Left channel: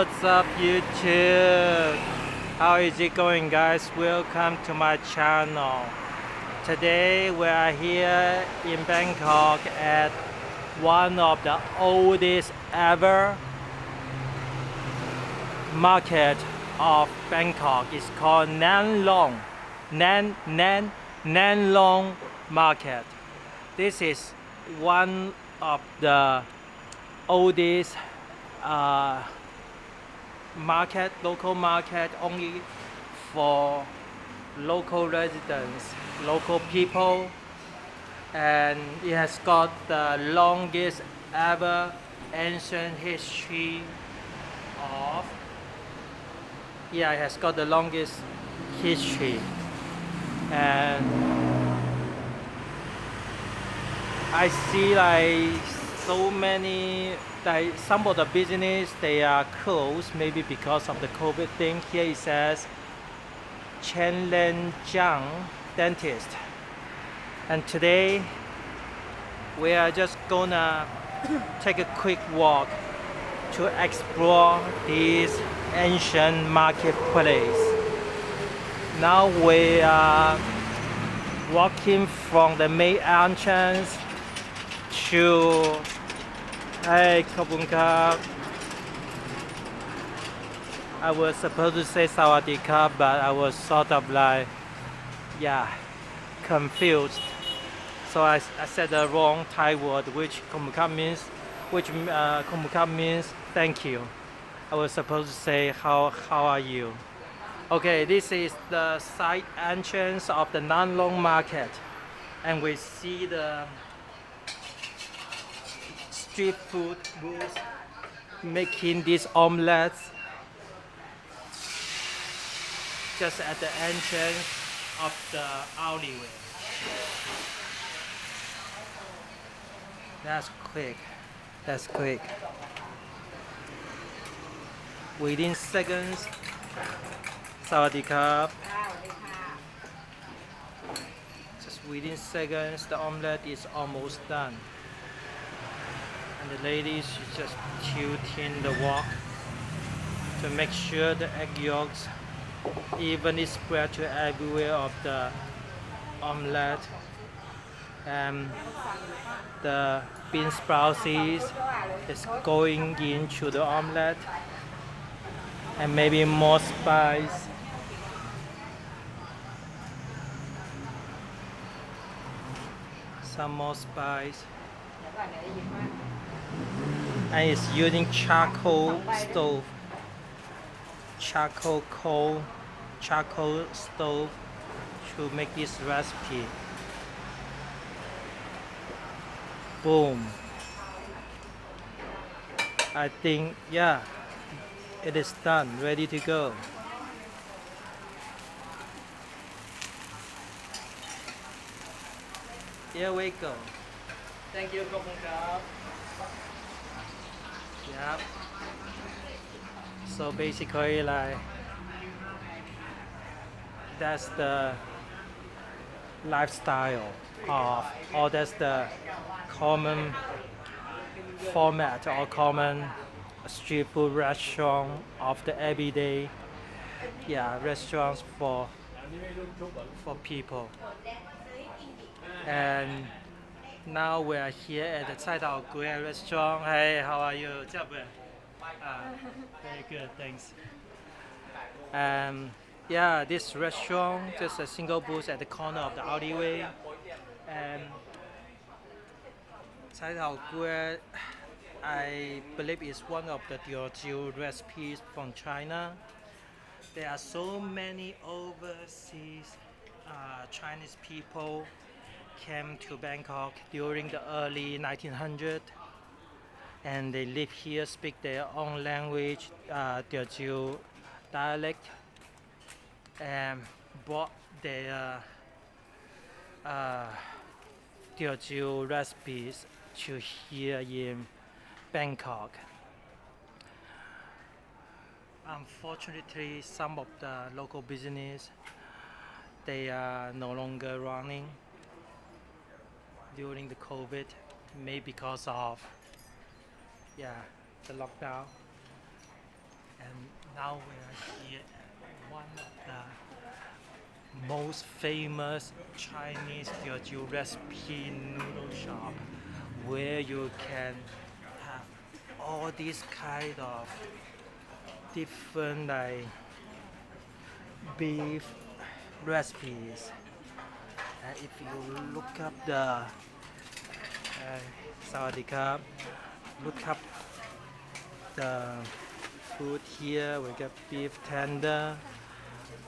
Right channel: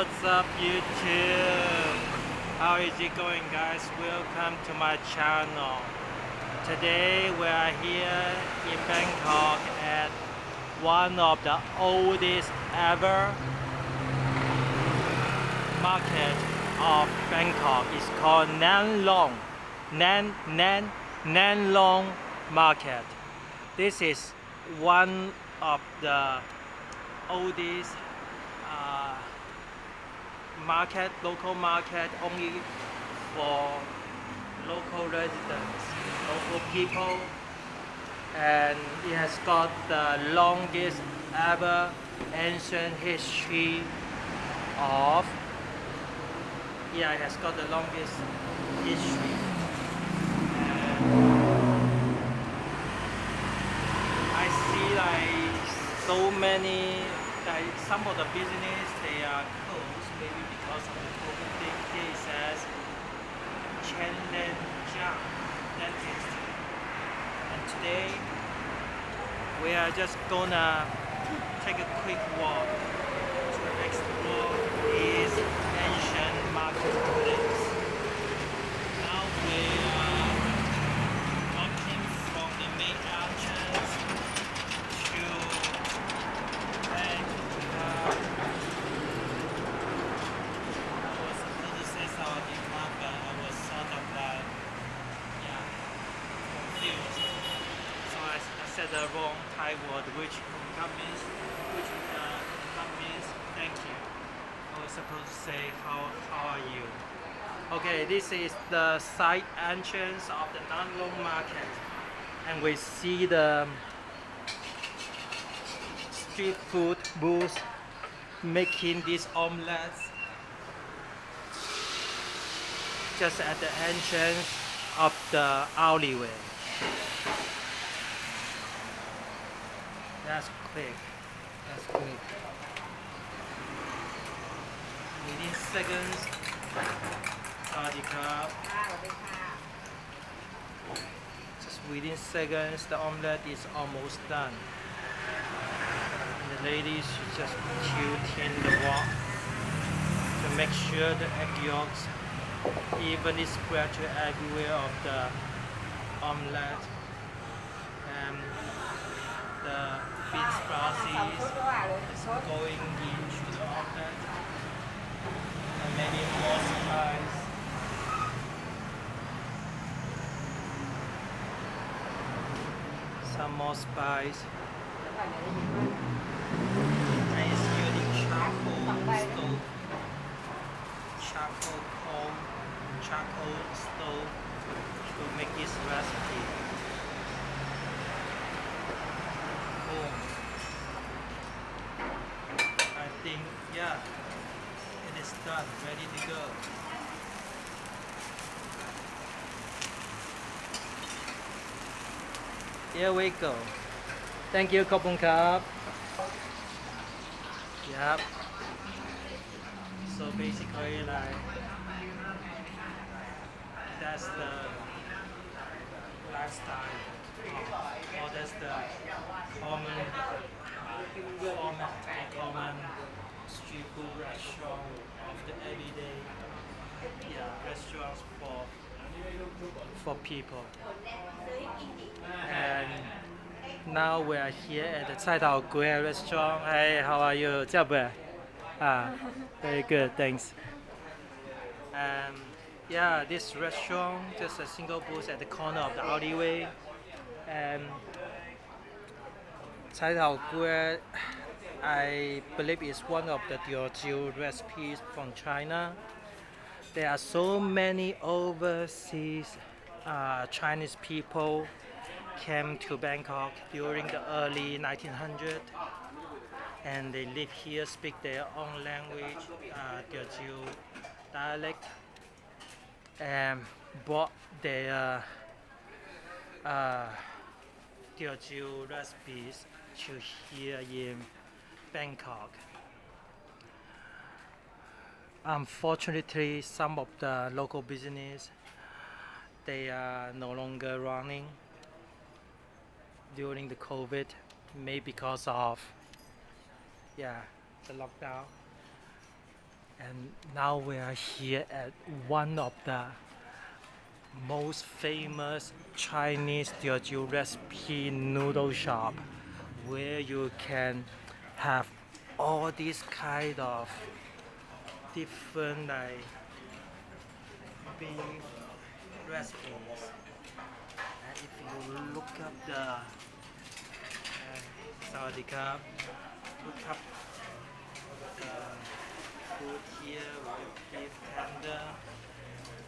What's up, YouTube? How is it going, guys? Welcome to my channel. Today we are here in Bangkok at one of the oldest ever market of Bangkok. It's called Nang Loeng Market. This is one of the oldest local market, only for local residents, local people, and it has got the longest ever ancient history of it has got the longest history. And I see like so many, like some of the business they are closed, maybe because of the COVID thing. Here it says Chaloem dentist, and today we are just gonna take a quick walk to explore this ancient marketplace. Now we are walking from the main entrance to Hey, Kabunka. I was supposed to say Sawadika, but I was sort of like, confused. So I said the wrong Thai word, which Kabunka means thank you. I was supposed to say how are you? Okay, this is the side entrance of the Nang Loeng Market, and we see the street food booth making these omelets just at the entrance of the alleyway. That's quick. Within seconds, Sawadee just within seconds, the omelette is almost done. And the ladies just tilting the wok to make sure the egg yolks evenly spread to everywhere of the omelette. And the bean sprouts is going into the omelette, and maybe more spice. Some more spice. And it's using charcoal stove, charcoal stove to make this recipe. Boom. I think it is done, ready to go. Here we go. Thank you, Kopung Kap. Yep. So basically, like, that's the lifestyle of, or that's the common format or common street food restaurant of the everyday restaurants for people. And now we are here at the Cai Tao Gui restaurant. Hey, how are you? Very good, thanks. This restaurant, just a single booth at the corner of the alleyway. And Cai Tao Gui, I believe, is one of the Teochew recipes from China. There are so many overseas Chinese people came to Bangkok during the early 1900s, and they live here, speak their own language, Teochew dialect, and brought their Teochew recipes to here in Bangkok. Unfortunately, some of the local business, they are no longer running during the COVID, maybe because of the lockdown. And now we are here at one of the most famous Chinese Teochew recipe noodle shop, where you can have all these kind of different like beef recipes. And if you look up the Sawadee Krap, look up the food here. We got beef tender,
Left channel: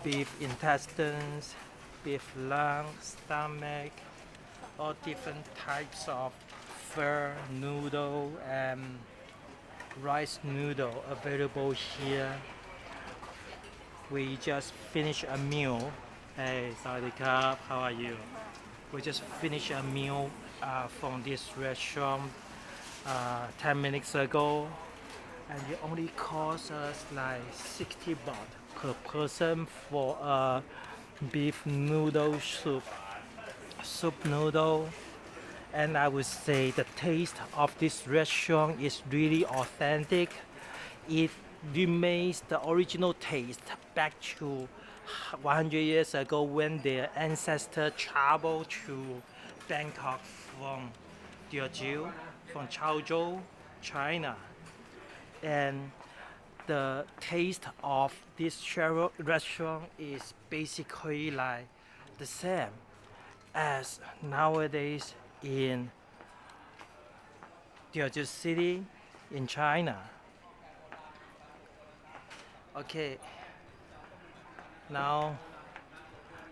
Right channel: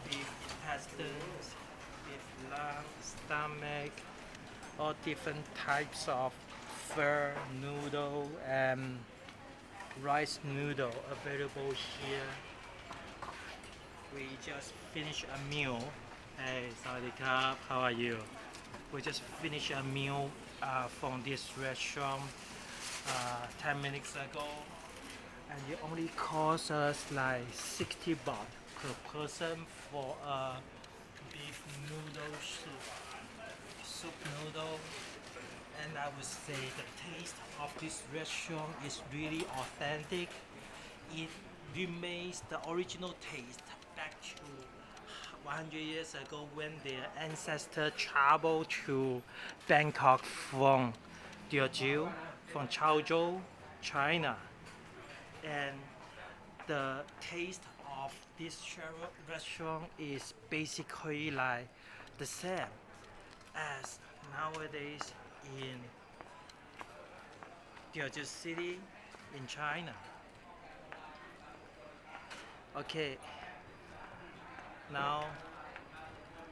beef intestines, beef lung, stomach, all different types of fur noodle and rice noodle available here. We just finished a meal. Hey, Sawadee Krap, how are you? We just finished a meal from this restaurant 10 minutes ago, and it only cost us like 60 baht per person for a beef noodle soup noodle. And I would say the taste of this restaurant is really authentic. It remains the original taste back to 100 years ago when their ancestors traveled to Bangkok from Teochew, from Chaozhou, China. And the taste of this restaurant is basically like the same as nowadays in Teochew City in China. Okay, now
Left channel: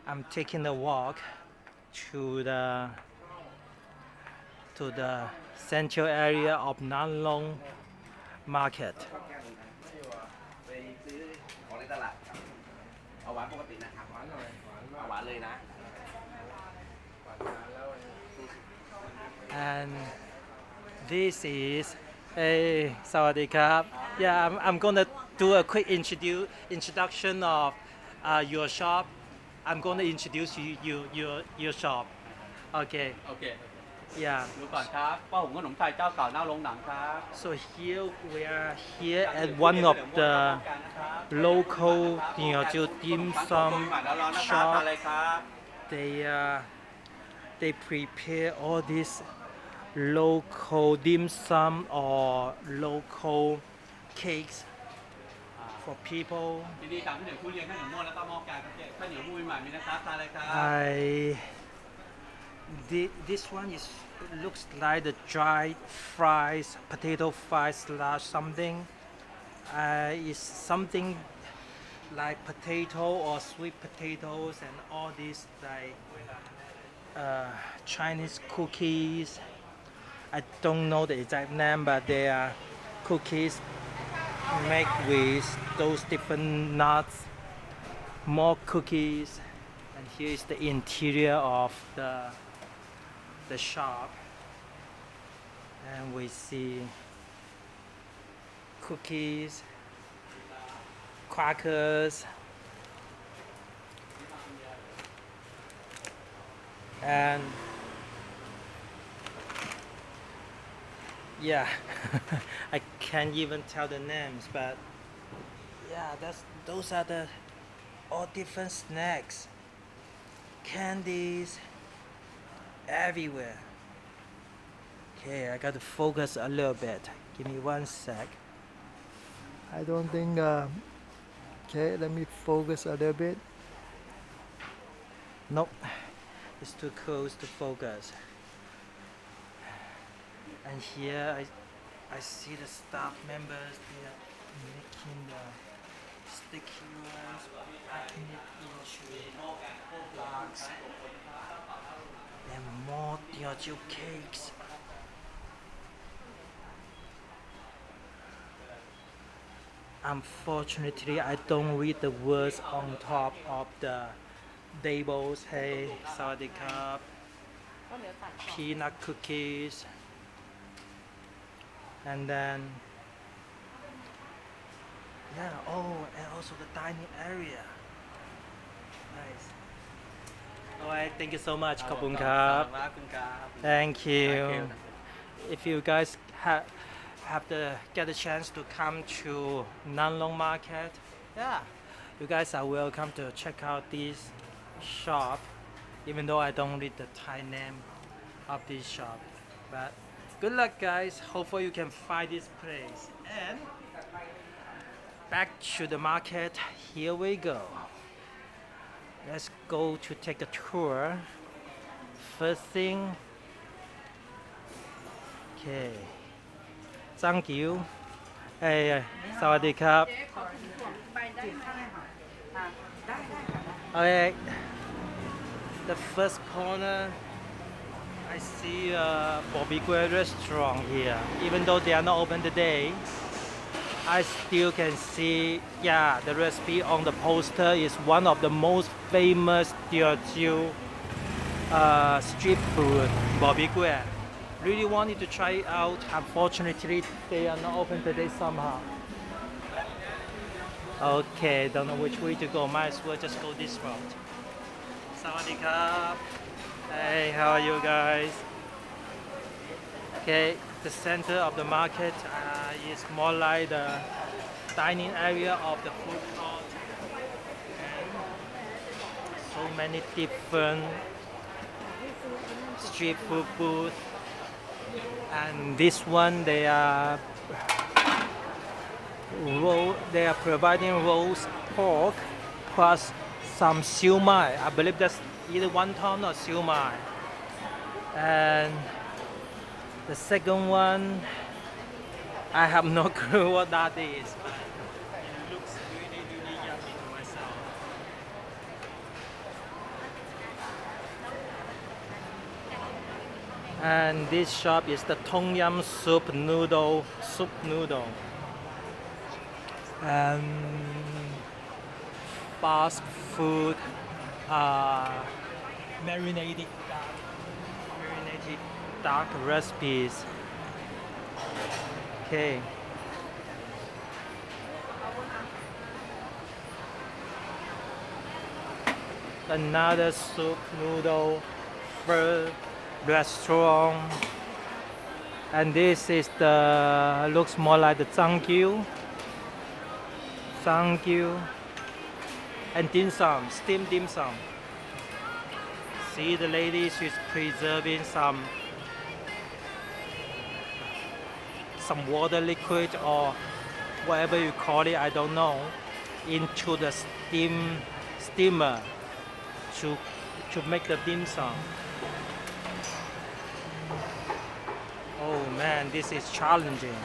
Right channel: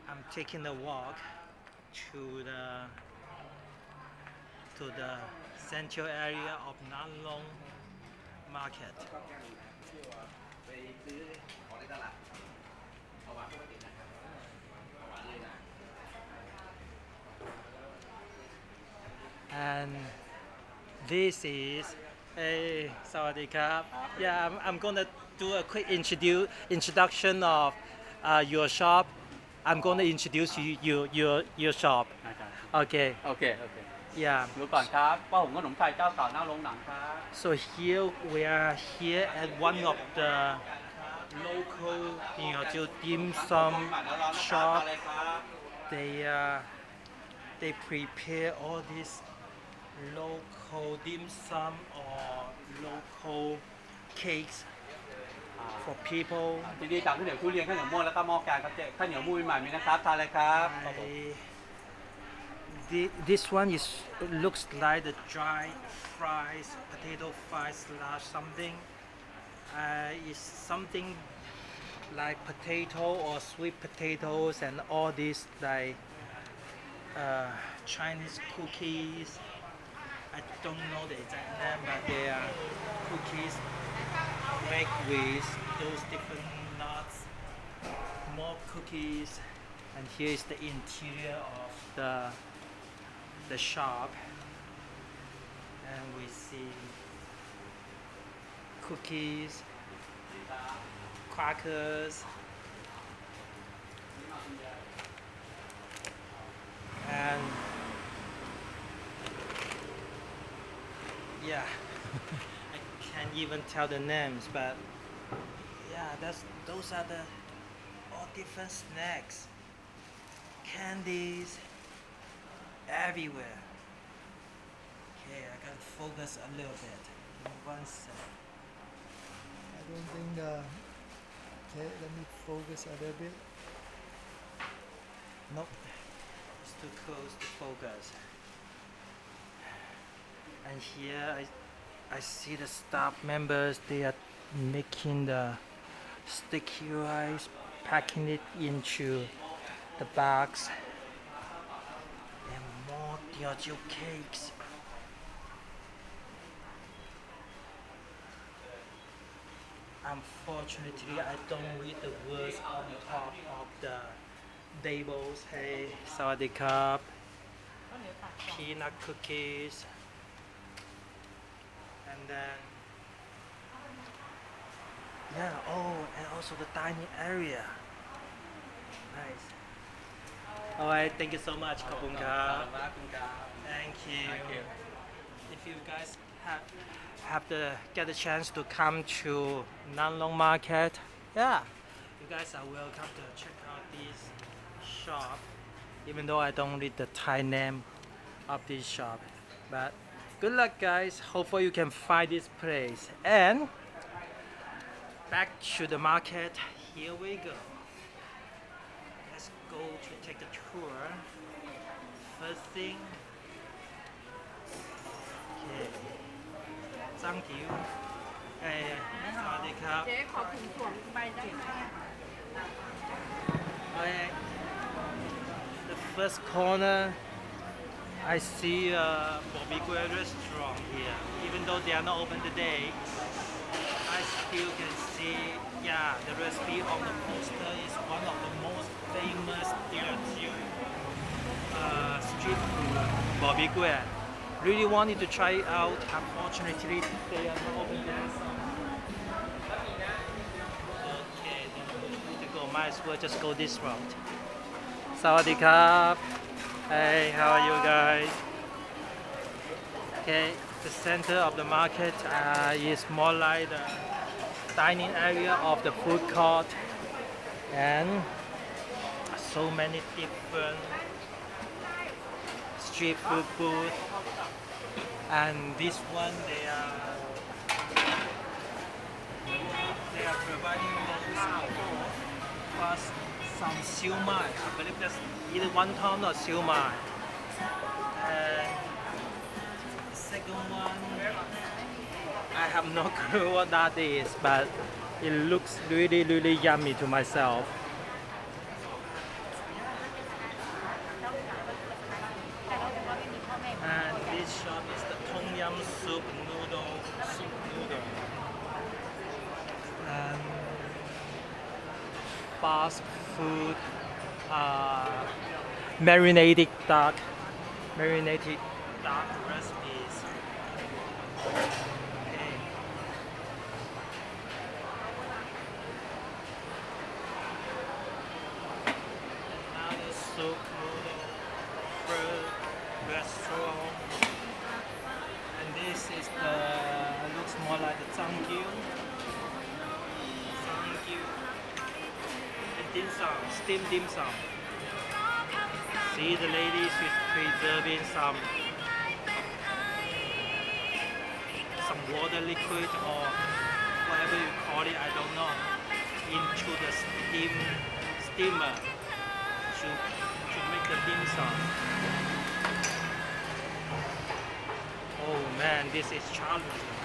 I'm taking a walk to the central area of Nang Loeng Market. And this is a Sawadee Krap. Yeah, I'm gonna do a quick introduction of your shop. I'm gonna introduce your shop. Okay. โอเค Yeah. ดูก่อนครับป้าหุงขนมไทยเจ้าเก่าหน้าโรงหนังครับ So here we are here at one of the local Teochew dim sum ร้อนๆนะครับทาน shop. เลยครับ They prepare all this local dim sum or local cakes for people. ที่นี่จากข้าวเหนียวทุเรียนข้าวเหนียวม่วนแล้วก็หม้อแกงครับเจ๊ข้าวเหนียวมูนใหม่มีนะครับทานเลยครับ This one looks like the dried fries, potato fries slash something. It's something like potato or sweet potatoes and all these like Chinese cookies. I don't know the exact name, but they are cookies made with those different nuts. More cookies, and here is the interior of the shop, and we see cookies, crackers, and yeah, I can't even tell the names, but yeah, those are the all different snacks, candies, everywhere. Okay, I got to focus a little bit. Give me one sec. I don't think. Okay, let me focus a little bit. Nope, it's too close to focus. And here I see the staff members. They are making the sticky rice, packing it into the bags. And more Teochew cakes. Unfortunately, I don't read the words on top of the labels. Hey, Sawadee Krap, peanut cookies, and then yeah, oh, and also the dining area. Nice. Alright, thank you so much. ขอบคุณครับ ขอบคุณครับ Thank you. Thank you. If you guys have to get a chance to come to Nang Loeng Market, yeah, you guys are welcome to check out this shop, even though I don't read the Thai name of this shop. But good luck, guys. Hopefully you can find this place. And back to the market. Here we go. Let's go to take the tour. First thing, okay. Thank you. Hey, สวัสดีครับ Okay. The first corner, I see a barbecue restaurant here. Even though they are not open today, I still can see, yeah, the recipe on the poster is one of the most famous Teochew street food, barbecue. Really wanted to try it out. Unfortunately, they are not open today somehow. Okay, don't know which way to go. Might as well just go this route. Sawadee krap. Hey, how are you guys? Okay, the center of the market is more like the dining area of the food court, and so many different street food booths. And this one, they are providing roast pork plus some siu mai. I believe that's either wonton or siu mai. And the second one, I have no clue what that is, but it looks really, really yummy to myself. And this shop is the Tom Yum soup noodle. And fast food, marinated duck recipes. Okay. Another soup noodle restaurant, and this is the looks more like the zangyu, and dim sum, steamed dim sum. See, the lady, she's preserving some water liquid or whatever you call it, I don't know, into the steamer to make the dim sum. Oh man, this is challenging.